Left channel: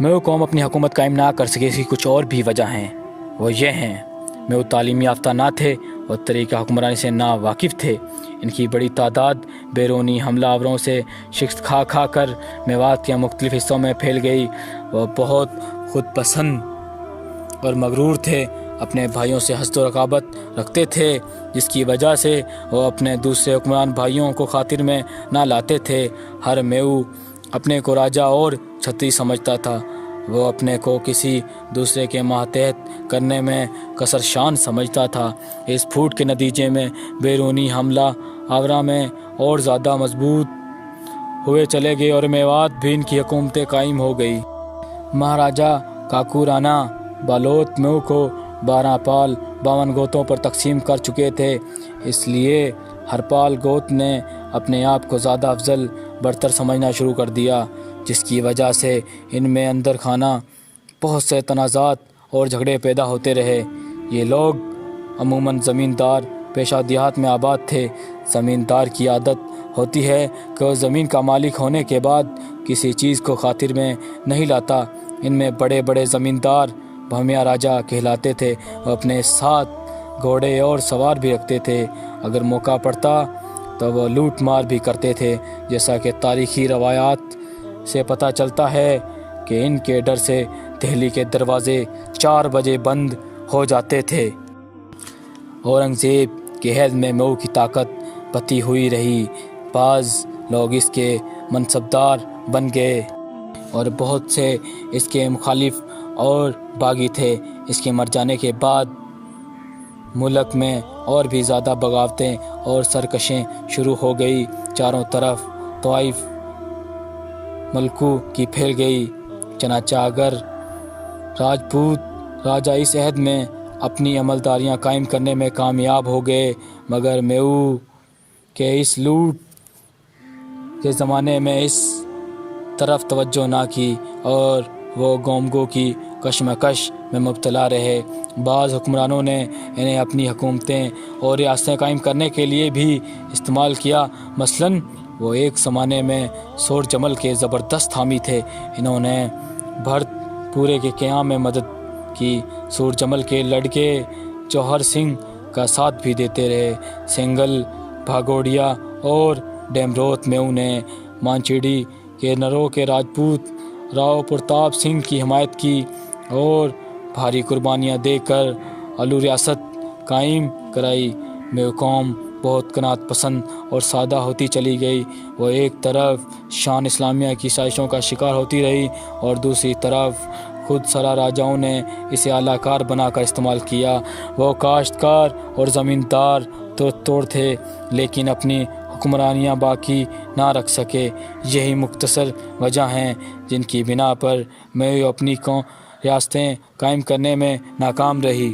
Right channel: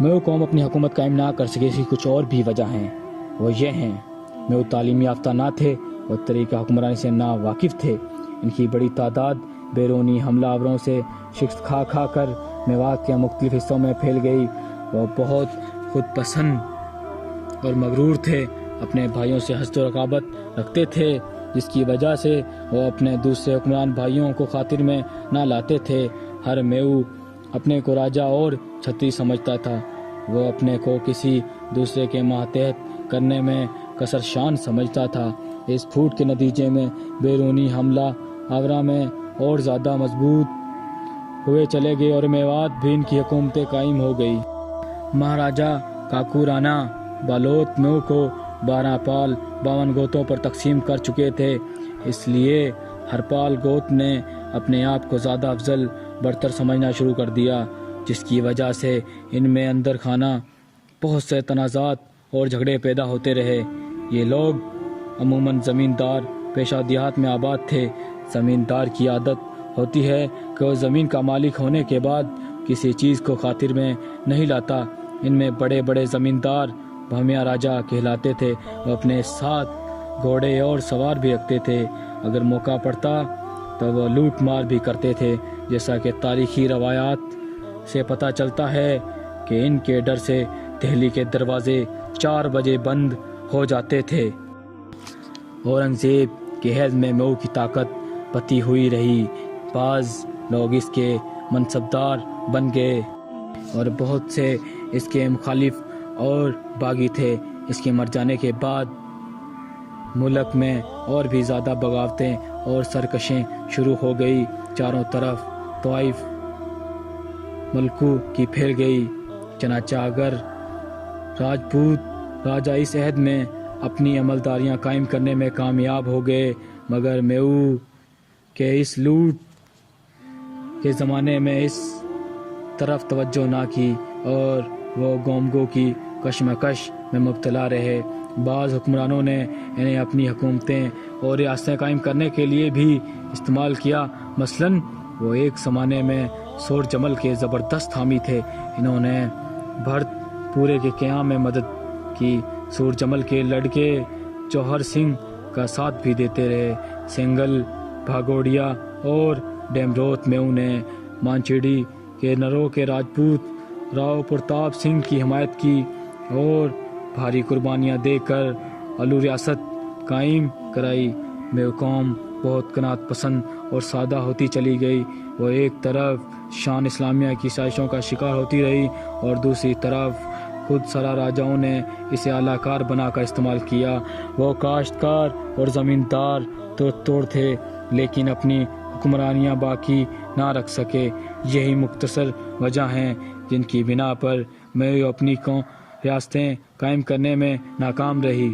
میں وہ قوم اپنی حکومت قائم نہ کر سکے، اس کی کچھ اور بھی وجہ ہیں۔ وہ یہ ہیں، میں وہ تعلیم یافتہ نہ تھے اور طریقہ حکمرانی سے نا واقف تھے۔ ان کی بڑی تعداد بیرونی حملہ آوروں سے شکست کھا کھا کر میوات کے مختلف حصوں میں پھیل گئی۔ وہ بہت خود پسند اور مغرور تھے، اپنے بھائیوں سے حسد و رقابت رکھتے تھے، جس کی وجہ سے وہ اپنے دوسرے حکمران بھائیوں کو خاطر میں نہ لاتے تھے۔ ہر میو اپنے کو راجا اور چھتری سمجھتا تھا۔ وہ اپنے کو کسی دوسرے کے ماتحت کرنے میں قصر شان سمجھتا تھا۔ اس پھوٹ کے نتیجے میں بیرونی حملہ آورہ میں اور زیادہ مضبوط ہوئے چلے گئے اور میوات بھی ان کی حکومتیں قائم ہو گئی۔ مہاراجا کاکورانا بالوت میو کو 12 پال 52 گوتوں پر تقسیم کر چکے تھے، اس لیے ہر پال گوت نے اپنے آپ کو زیادہ افضل برتر سمجھنا شروع کر دیا، جس کی وجہ سے ان میں اندر خانہ بہت سے تنازعات اور جھگڑے پیدا ہوتے رہے۔ یہ لوگ عموماً زمیندار پیشہ دیہات میں آباد تھے۔ زمیندار کی عادت ہوتی ہے کہ وہ زمین کا مالک ہونے کے بعد کسی چیز کو خاطر میں نہیں لاتا۔ ان میں بڑے بڑے زمیندار بھومیا راجا کہلاتے تھے۔ وہ اپنے ساتھ گھوڑے اور سوار بھی رکھتے تھے۔ اگر موقع پڑتا تو وہ لوٹ مار بھی کرتے تھے، جیسا کہ تاریخی روایات سے پتہ چلتا ہے کہ ان کے ڈر سے دہلی کے دروازے 4 بجے بند ہو جاتے تھے۔ اورنگزیب کے عہد میں مئو کی طاقت بڑھتی ہوئی رہی۔ بعض لوگ اس کے منصبدار بن گئے اور بہت سے اس کے مخالف اور باغی تھے۔ اس کے مر جانے کے بعد ملک میں اور بھی زیادہ بغاوتیں اور سرکشیں شروع ہو گئی۔ چاروں طرف طوائف ملکوں کی پھیل گئی۔ چنانچہ اگر راجپوت راجا اس عہد میں اپنی عملداریاں قائم کرنے میں کامیاب ہو گئے، مگر میو کے اس لوٹ کے زمانے میں اس طرف توجہ نہ کی اور وہ گومگو کی کشمکش میں مبتلا رہے۔ بعض حکمرانوں نے انہیں اپنی حکومتیں اور ریاستیں قائم کرنے کے لیے بھی استعمال کیا۔ مثلاً وہ ایک زمانے میں سور جمل کے زبردست حامی تھے۔ انہوں نے بھرت پورے کے قیام میں مدد کی۔ سور جمل کے لڑکے جوہر سنگھ کا ساتھ بھی دیتے رہے۔ سینگل، بھاگوڑیا اور ڈیمروت میو نے مانچیڑی کے نرو کے راجپوت راؤ پرتاپ سنگھ کی حمایت کی اور بھاری قربانیاں دے کر الو ریاست قائم کرائی۔ میو قوم بہت قناعت پسند اور سادہ ہوتی چلی گئی۔ وہ ایک طرف شان اسلامیہ کی سازشوں کا شکار ہوتی رہی اور دوسری طرف خود سرا راجاؤں نے اسے اعلیٰ کار بنا کر استعمال کیا۔ وہ کاشتکار اور زمیندار توڑ تھے، لیکن اپنی حکمرانیاں باقی نہ رکھ سکے۔ یہی مختصر وجہ ہیں جن کی بنا پر میں اپنی ریاستیں قائم کرنے میں ناکام رہی۔